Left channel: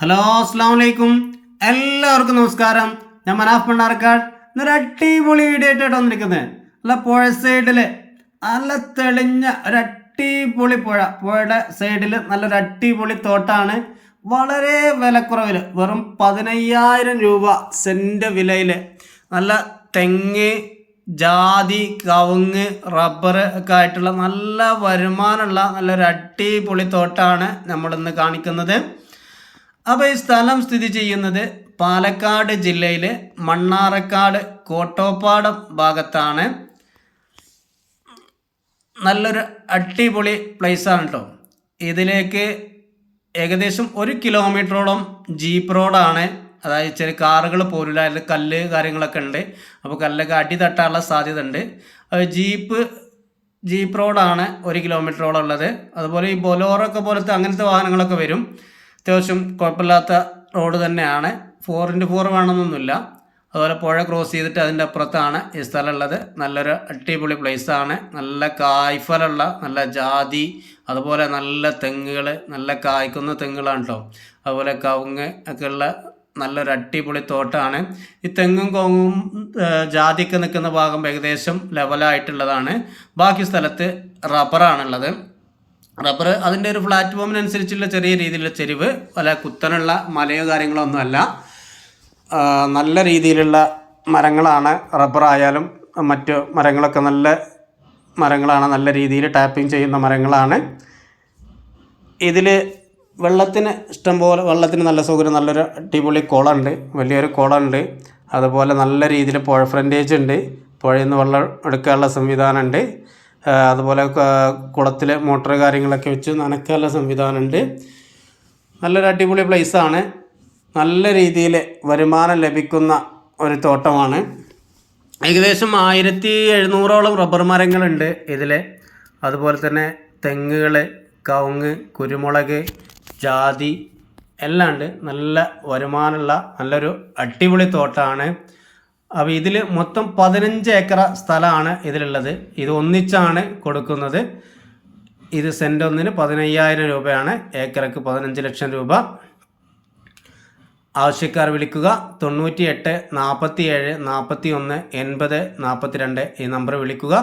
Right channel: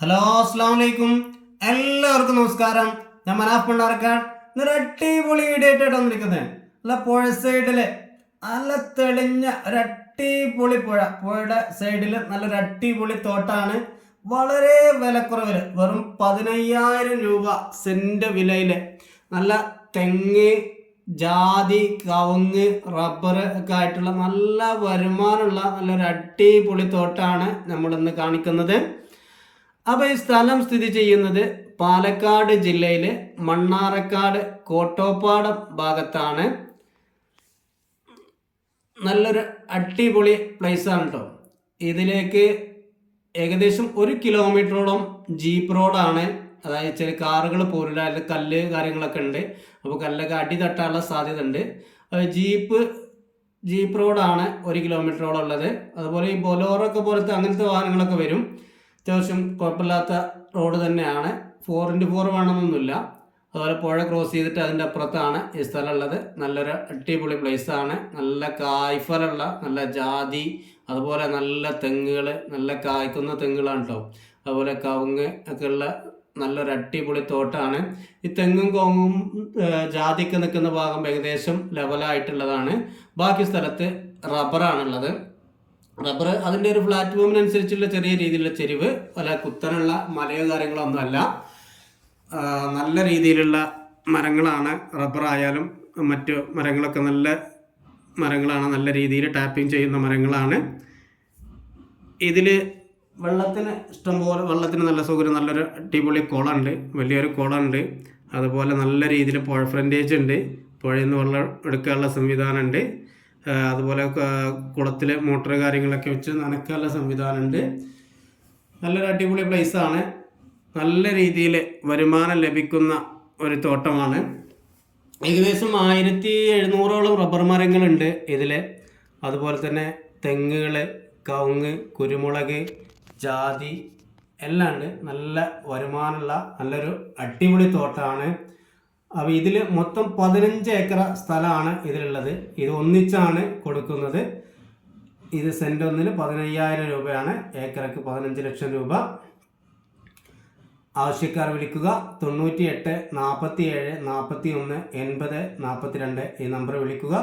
Hello അസ്സാം വലൈക്കും എല്ലാവർക്കും നമസ്കാരം. ഞാൻ മനാഫ് പണ്ടാർക്കാട് ഇന്നൊരു അടിപൊളി വീഡിയോ ആയിട്ടാണ് വന്നിരിക്കുന്നത്. നല്ല പുഴ സൈഡിൽ നല്ല തെളിഞ്ഞ ഒരു അടിപൊളി പുഴ. പുഴയുടെ സൈഡിൽ നല്ലൊരു അടിപൊളി തോട്ടാണ്. വളരെ വിലക്കുറവിൽ വെറും പതിനയ്യായിരം രൂപ സെന്റ് വിലയിൽ നല്ല തെങ്ങ് ജാതി കവുങ്ങ് റബ്ബർ ഒക്കെ ആയിട്ടുള്ള നല്ല വരുമാനമുള്ള നല്ലൊരു അടിപൊളി തോട്ടാണ് നമ്മളിന്ന് കാണിക്കുന്നത്. അപ്പോൾ ഈ സ്ഥലം സ്ഥിതി ചെയ്യുന്നത് പാലക്കാട് ജില്ലയിലെ മണ്ണാറക്കാട് കോട്ടോപ്പാടം ഭാഗത്താണ്. നല്ലൊരു അടിപൊളി പ്ലേസാണ് കേട്ടോ ഇതിലേക്ക് ഏകദേശം ഒരു കിലോമീറ്ററോളം ജീപ്പ് റോഡാണ് അതായത് ചെറിയ കാറുകൾ പോരില്ല അതിൽ കല്ല് കാര്യങ്ങളൊക്കെ ഉണ്ട്. അപ്പോൾ കല്ലൊക്കെ അടി തട്ടാനുള്ള സാധ്യത ഉണ്ട്. ജീപ്പ് ജീപ്പ് റോഡാണ് ഒരു കിലോമീറ്ററോളം ഉള്ളത്. അതുപോലെ ഈ ബൊലോറൊക്കെ പോലത്തെ അങ്ങനത്തെ വാഹനങ്ങളൊക്കെ വരും. അത്യാവശ്യം കുഴപ്പമില്ലാത്ത റോഡ് തന്നെയാണ്. ഫോർ ഇന്റു ഫോർ വേണമെന്നൊന്നുമില്ല. അതുപോലെ പുഴ ക്രോസ് ചെയ്തിട്ട് അതിന്റെ അപ്പുറത്താണ് ഈ സ്ഥലമുള്ളത്. നല്ലൊരു അടിപൊളി പ്ലേസാണ് നല്ല കായ്ഫലുള്ള നല്ല ജാതി അതുപോലെ നല്ല തെങ്ങുകൾ നല്ല കായ്ക്കുന്ന തെങ്ങുകളാണ് കേട്ടോ അതുപോലെ കവുങ്ങ് ഒക്കെ ഉള്ള നല്ലൊരു അടിപൊളി തോട്ടാണ്. ഈ തെങ്ങും കോങ്ങും ജാതിക്ക് നിൽക്കുന്ന ഭാഗം ഏകദേശം ലെവലായിട്ടുള്ളതാണ് ബാക്കി സ്ഥലത്ത് റബ്ബറാണുള്ളത് റബ്ബർ അതിന്റെ ഒരു പ്ലാറ്റ്ഫോമിനനുസരിച്ചുള്ള ചെറിയ രീതിയിലുള്ള ചെരിവ് അല്ല കുത്തനുള്ള മലയോ കാര്യങ്ങളോ ഒന്നുമല്ല നല്ല രീതിയിലുള്ള മരങ്ങളാണ് റബ്ബറായാലും മറ്റ് മരങ്ങളൊക്കെ നല്ല മരങ്ങളാണ് നല്ല രീതിയിൽ ടാപ്പിംഗ് ചെയ്യുന്ന മരങ്ങളാണ്. ഇതിൽ വെള്ളത്തിന് ഇഷ്ടംപോലെ വെള്ളത്തിന് നല്ല സൗകര്യം നല്ലൊരു അടിപൊളി കുളമുണ്ട് വലിയൊരു കുളമുണ്ട് അതുപോലെ നല്ല രീതിയിൽ പുഴ ഫ്രണ്ടേജ് ഉണ്ട്. പുഴയിൽ നിന്ന് വെള്ളം എടുക്കാനുള്ള സംവിധാനമുണ്ട് അതുപോലെ കുളത്തിൽ മോട്ടർ കാര്യങ്ങളൊക്കെ വെച്ച് നനയ്ക്കാനുള്ള സംവിധാനമുണ്ട്. നല്ലൊരു അടിപൊളി പ്ലേസാണ് നല്ല രീതിയിൽ വരുമാനം ലഭിക്കുന്ന ഒരു തോട്ടമാണ്. ഏകദേശം ആയിരത്തി എഴുന്നൂറോളം റബ്ബർ മരങ്ങളുണ്ട് ഇതിൽ അതുപോലെ തന്നെ തെങ്ങുകൾ കവുങ്ങ് കുരുമുളക് ജാതി എല്ലാം ഉണ്ട് നല്ല വരുമാനമുള്ള നല്ലൊരു അടിപൊളി തോട്ടമാണ് അപ്പോൾ ഇതിൽ മൊത്തം പതിനഞ്ച് ഏക്കർ സ്ഥലമാണ് ഇതിലുള്ളത്. ഇത് ഒന്നിച്ചാണ് കൊടുക്കുന്നത്. ഇത് സെന്റ് ഒന്നിന് പതിനയ്യായിരം രൂപയാണ്. ഏക്കറക്ക് പതിനഞ്ച് ലക്ഷം രൂപ. ആവശ്യക്കാർ വിളിക്കുക. തൊണ്ണൂറ്റി എട്ട് നാൽപ്പത്തി ഏഴ് നാൽപ്പത്തി ഒന്ന് എൺപത് നാൽപ്പത്തി രണ്ട് ഈ നമ്പർ വിളിക്കുക.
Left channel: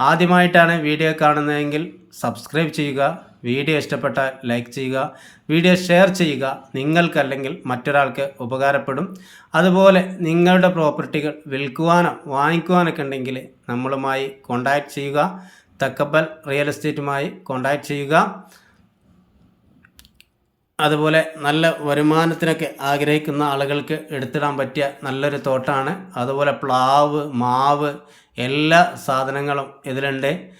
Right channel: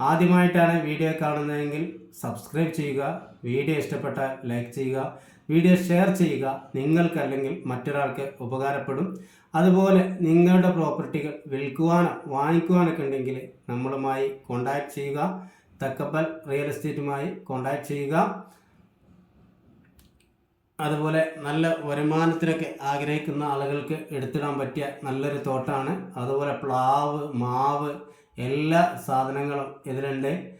ആദ്യമായിട്ടാണ് വീഡിയോ കാണുന്നതെങ്കിൽ സബ്സ്ക്രൈബ് ചെയ്യുക വീഡിയോ ഇഷ്ടപ്പെട്ട ലൈക്ക് ചെയ്യുക വീഡിയോ ഷെയർ ചെയ്യുക. നിങ്ങൾക്കല്ലെങ്കിൽ മറ്റൊരാൾക്ക് ഉപകാരപ്പെടും. അതുപോലെ നിങ്ങളുടെ പ്രോപ്പർട്ടികൾ വിൽക്കുവാനോ വാങ്ങിക്കുവാനൊക്കെ ഉണ്ടെങ്കിൽ നമ്മളുമായി കോണ്ടാക്ട് ചെയ്യുക. തക്കപ്പൽ റിയൽ എസ്റ്റേറ്റുമായി കോണ്ടാക്ട് ചെയ്യുക. അതുപോലെ നല്ല വരുമാനത്തിനൊക്കെ ആഗ്രഹിക്കുന്ന ആളുകൾക്ക് എടുത്തിടാൻ പറ്റിയ നല്ലൊരു തോട്ടാണ്. അതുപോലെ പ്ലാവ് മാവ് എല്ലാ സാധനങ്ങളും ഇതിലുണ്ട്.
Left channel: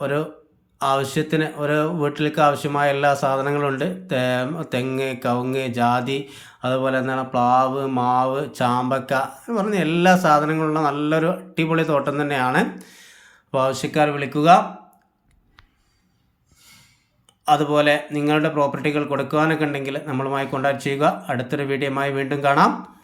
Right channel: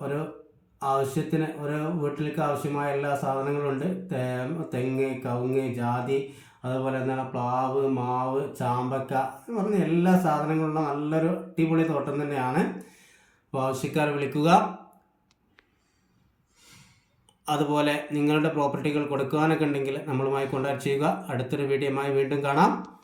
ഒരു ആവശ്യത്തിന് ഒരു വീട്ടിലേക്ക് ആവശ്യമായ എല്ലാ സാധനങ്ങളും ഉണ്ട് തേ- തെങ്ങ് കവുങ്ങ് ജാതി അതുപോലെ എന്താണ് പ്ലാവ് മാവ് ചാമ്പക്ക എന്ന് പറഞ്ഞ എല്ലാ സാധനങ്ങളുള്ള നല്ലൊരു അടിപൊളി തോട്ടം തന്നെയാണ്. അപ്പോൾ ആവശ്യക്കാർ വിളിക്കുക. അതുപോലെ നിങ്ങളുടെ പ്രോപ്പർട്ടികൾ കൊടുക്കുവാനൊക്കെ ഉണ്ടെങ്കിൽ നമ്മളുമായി കോൺടാക്ട് ചെയ്യുക. അടുത്തൊരു വീഡിയോയുമായി വീണ്ടും കാണാം.